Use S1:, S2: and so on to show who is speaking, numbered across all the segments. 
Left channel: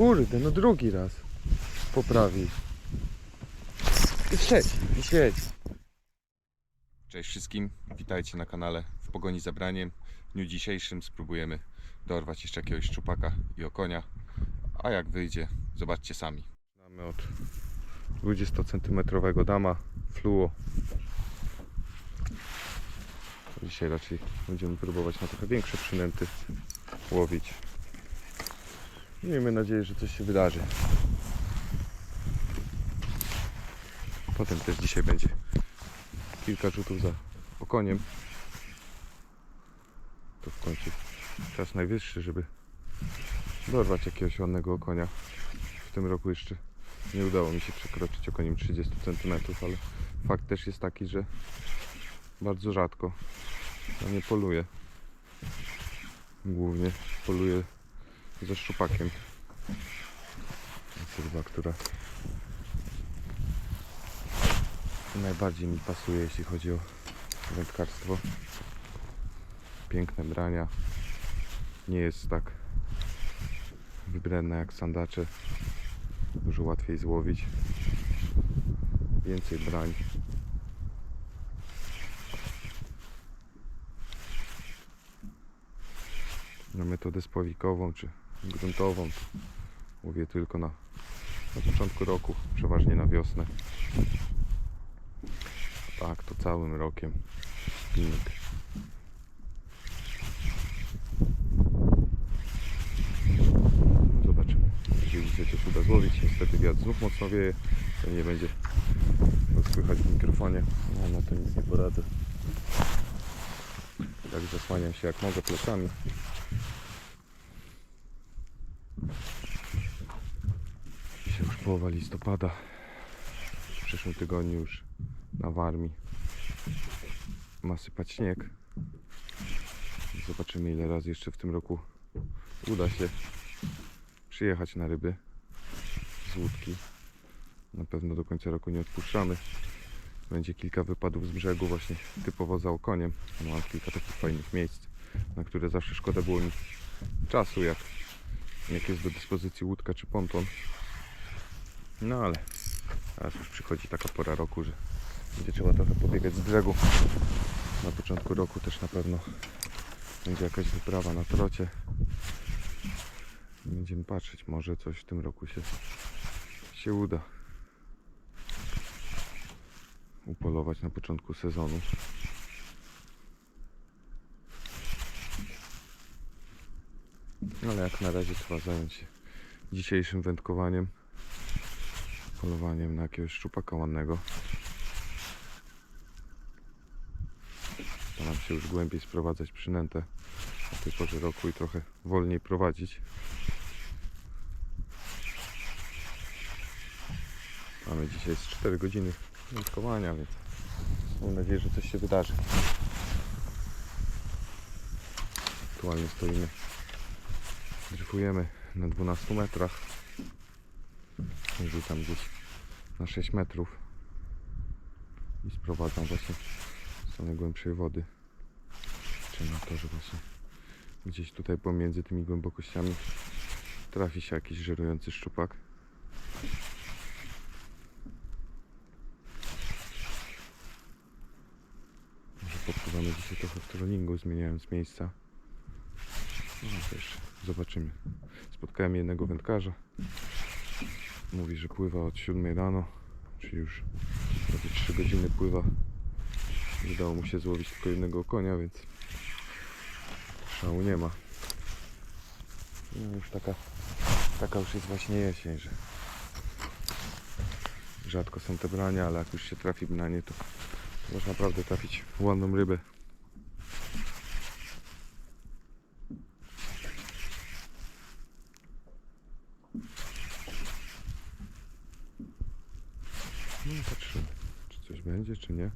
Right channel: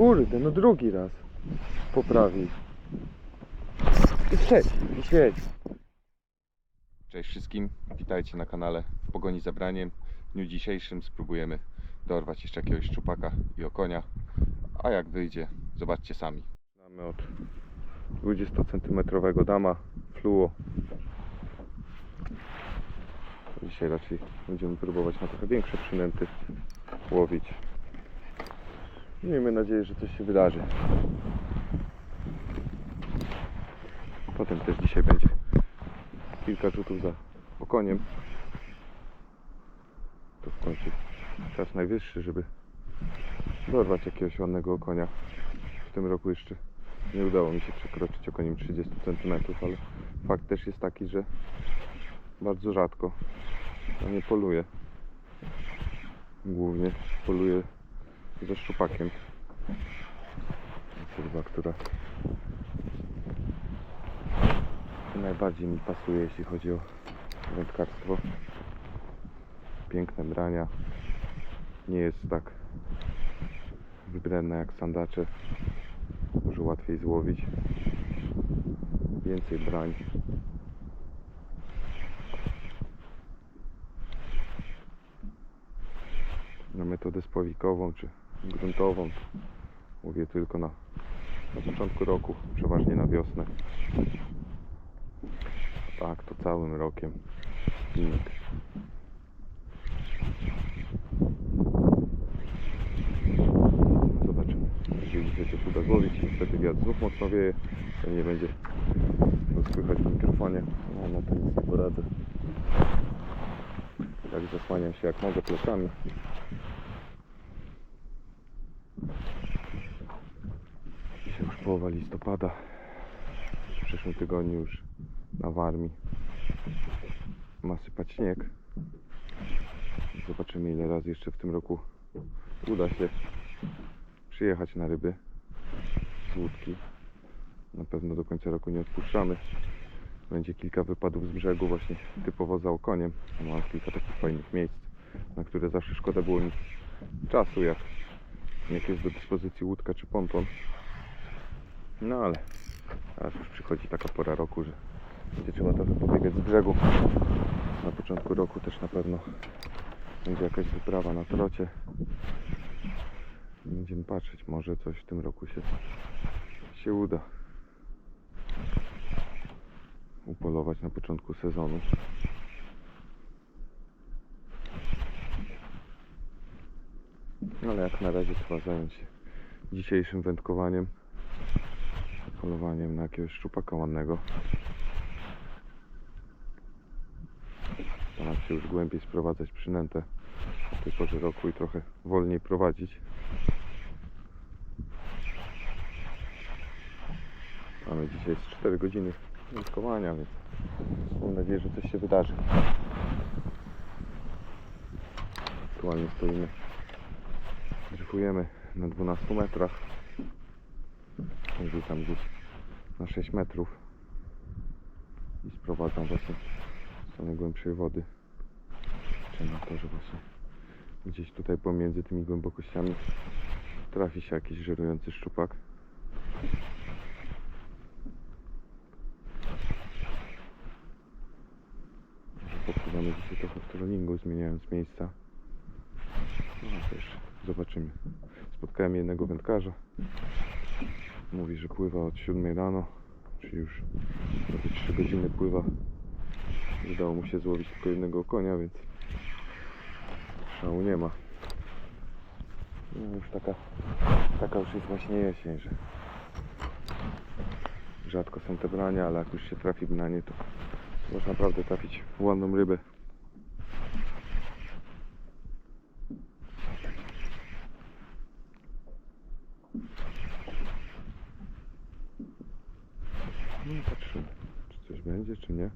S1: Kurde, no drugi raz poprawi. I i trzeci.
S2: Cześć wszystkim, witajcie na kanale w Pogoni za Braniem. W dniu dzisiejszym spróbujemy dorwać jeszcze jakiegoś szczupaka i okonia, a jak wyjdzie, zobaczcie sami.
S1: Mamy od 20 cm dama fluo. Dzisiaj raczej będziemy próbować na trochę większe przynęty łowić. Miejmy nadzieję, że coś się wydarzy. Potem też dzisiaj będzie kilka rzutów za okoniem. To w końcu czas najwyższy, żeby dorwać jakiegoś ładnego okonia. W tym roku jeszcze nie udało mi się przekroczyć okoniem 30 cm, ale fakt też jest taki, że bardzo rzadko na nie poluję. Głównie poluję ze szczupakiem. Ryba, która najbardziej mi pasuje, jeśli chodzi o wędkarstwo. Piękne brania. Nie jest tak wybredna jak sandacze. Dużo łatwiej złowić. Więcej brań. Na metodę spławikową czy gruntową to mówię tylko na, na początku roku, przeważnie na wiosnę. Tak, to całym rokiem. Filmik. Zobaczymy. Jeżeli coś uda złowić, niestety wiatr znów mocno wieje, to nie będzie to słychać w mikrofonie. No, no to nic nie poradzę. Tak zasłaniam się jak mogę plecami. Dzisiaj już połowa listopada. W przyszłym tygodniu już na Warmii ma sypać śnieg. Zobaczymy ile razy jeszcze w tym roku uda się przyjechać na ryby z łódki. Na pewno do końca roku nie odpuszczamy. Będzie kilka wypadów z brzegu właśnie typowo za okoniem. Mam kilka takich fajnych miejsc, na które zawsze szkoda było mi czasu, jak, jak jest do dyspozycji łódka czy ponton. No ale teraz już przychodzi taka pora roku, że będzie trzeba trochę pobiegać z brzegu. Na początku roku też na pewno będzie jakaś wyprawa na trocie. Będziemy patrzeć, może coś w tym roku się, się uda upolować na początku sezonu. Ale jak na razie trzeba zająć się dzisiejszym wędkowaniem, polowaniem na jakiegoś szczupaka ładnego. Staram się już głębiej sprowadzać przynętę w tej porze roku i trochę wolniej prowadzić. Mamy dzisiaj z 4 godziny wędkowania, więc mam nadzieję, że coś się wydarzy. Aktualnie stoimy, dryfujemy na 12 metrach. Rzucam gdzieś na 6 metrów i sprowadzam właśnie z tej najgłębszej wody. Liczę na to, że właśnie gdzieś tutaj pomiędzy tymi głębokościami trafi się jakiś żerujący szczupak. Może popływamy dzisiaj trochę w trollingu, zmieniając miejsca. Zobaczymy. Spotkałem jednego wędkarza. Mówi, że pływa od 7 rano, czyli już prawie 3 godziny pływa. Udało mu się złowić tylko jednego konia, więc szału nie ma. No już taka, taka już jest właśnie jesień, że rzadko są te brania, ale jak już się trafi branie, to można naprawdę trafić ładną rybę. No i patrzymy, czy coś będzie, czy nie.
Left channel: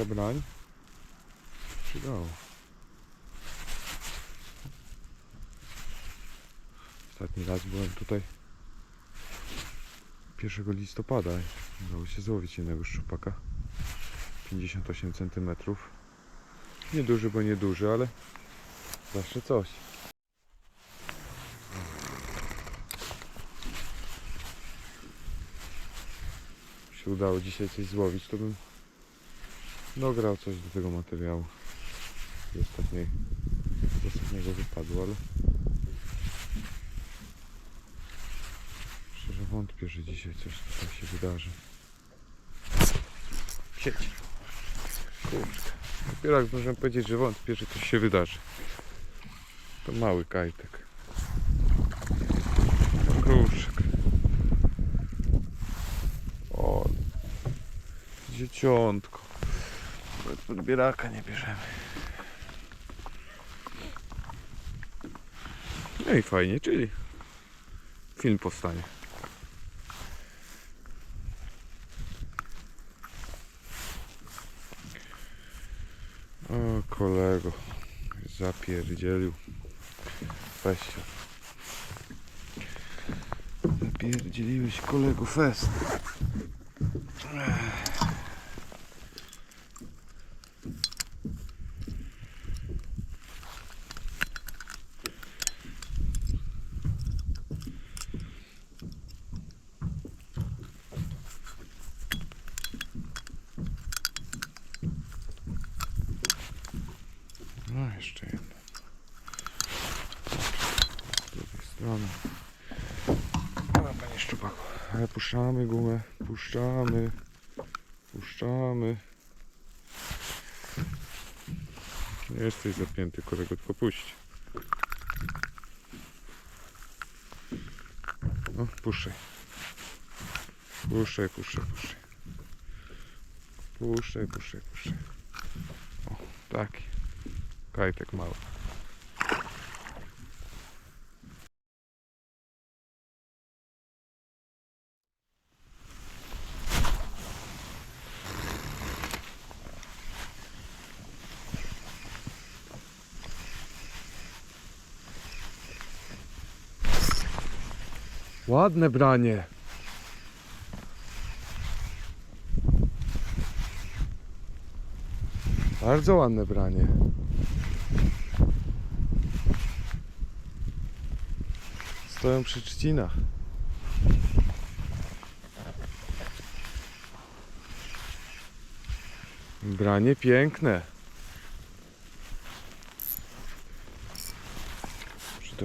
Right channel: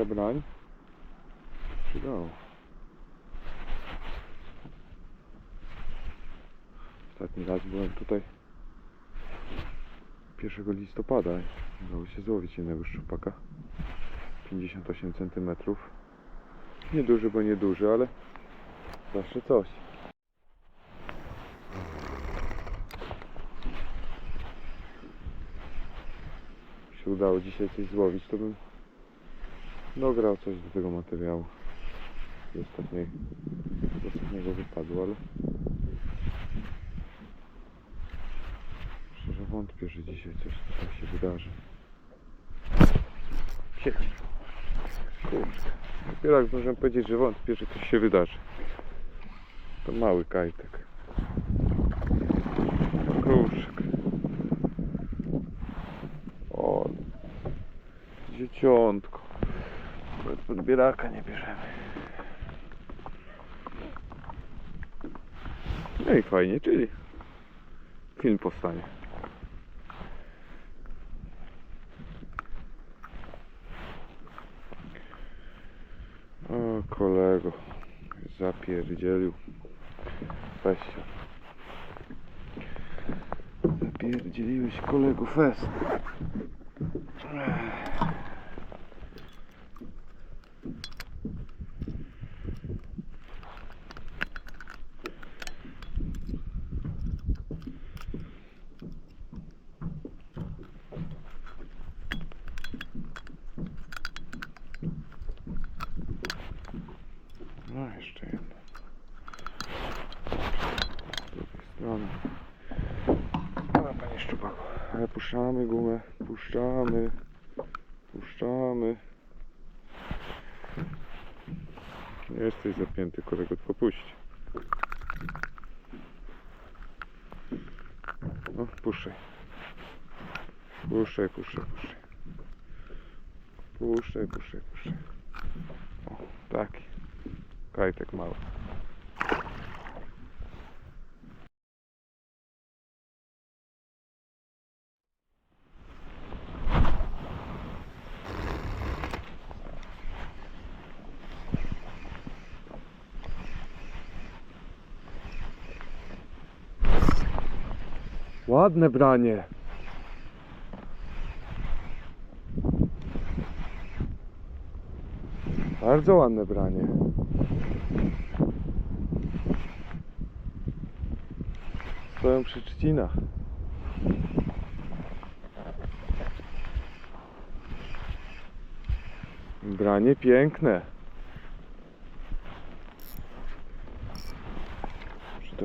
S1: O, kilka brań. przydało. Ostatni raz byłem tutaj 1 listopada i udało się złowić jednego szczupaka. 58 cm. Nieduży, bo nieduży, ale zawsze coś. się udało dzisiaj coś złowić, to bym dograł coś do tego materiału. Z, ostatniej, z ostatniego wypadu, ale szczerze wątpię, że dzisiaj coś tutaj się wydarzy. Sieć. Kurczę. Dopiero jak możemy powiedzieć, że wątpię, że coś się wydarzy. To mały kajtek. Kruszek. O, dzieciątko. Podbieraka nie bierzemy. No i fajnie, czyli film powstanie. O kolego, zapierdzielił. Się. Zapierdzieliłeś kolego fest. No jeszcze jedna. Z drugiej strony. Dobra panie szczupaku. Puszczamy gumę. Puszczamy. Puszczamy. Nie jesteś zapięty kolego, tylko puść. No, puszczaj. Puszczaj, puszczaj, puszczaj. Puszczaj, puszczaj, puszczaj. O, taki. Kajtek mały. Ładne branie. Bardzo ładne branie. Stoją przy trzcinach. Branie piękne. Muszę to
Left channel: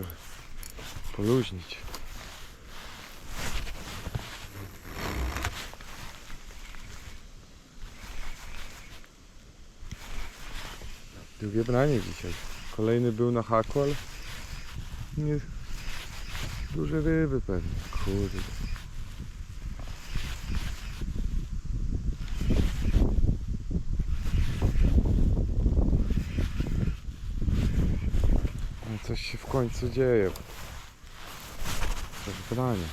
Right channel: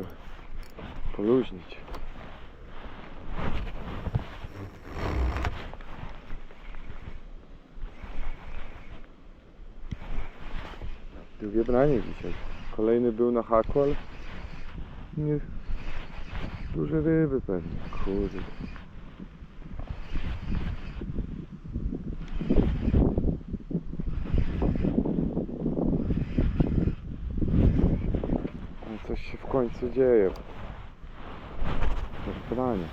S1: poluźnić. Drugie branie dzisiaj. Kolejny był na haku, ale nie... Duże ryby pewnie. Kurde. Coś się w końcu dzieje. Coś branie.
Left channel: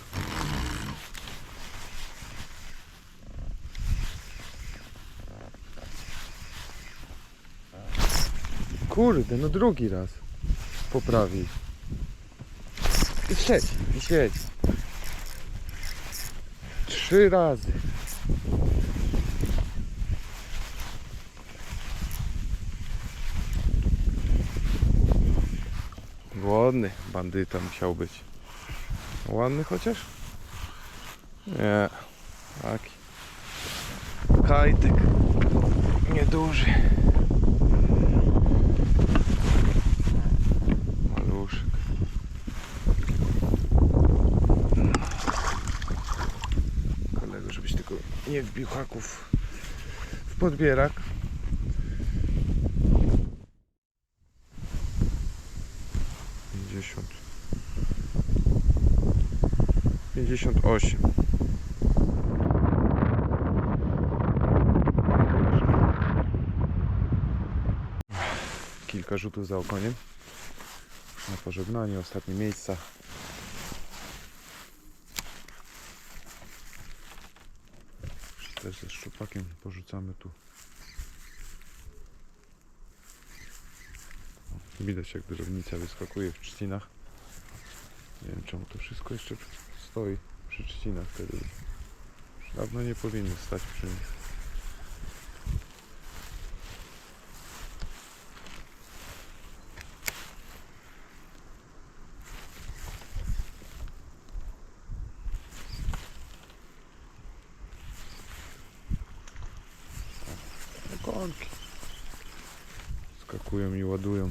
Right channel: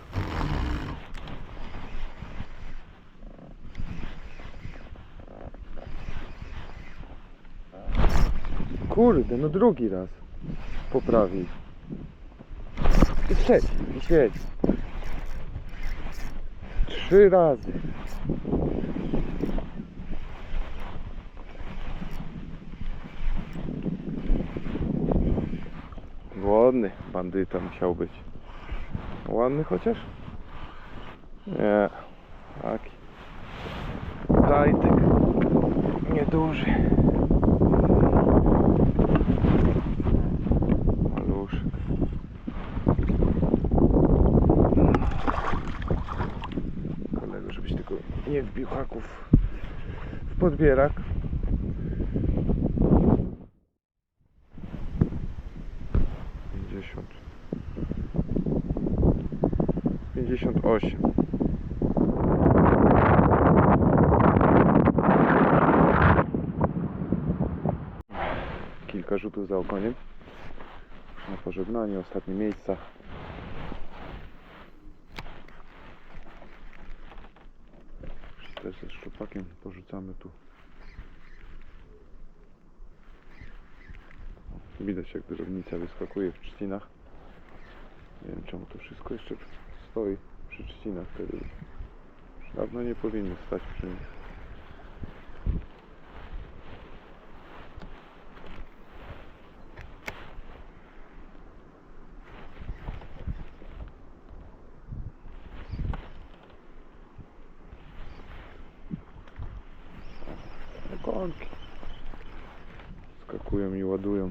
S1: Kurde, no drugi raz poprawi. I trzeci, i świeci. Trzy razy. Ładny bandyta musiał być. Ładny chociaż? Nie. Taki. Kajtek. Nieduży. Tylko nie wbił haków w podbierak. Pięćdziesiąt. Pięćdziesiąt osiem. Kilka rzutów za okoniem na pożegnanie, ostatnie miejsca. Też ze szczupakiem porzucamy tu Widać jak drobnica wyskakuje w trzcinach. Nie wiem czemu to wszystko jeszcze stoi przy trzcinach. Te ryby. Dawno nie powinny stać przy nich. Skakują i ładują.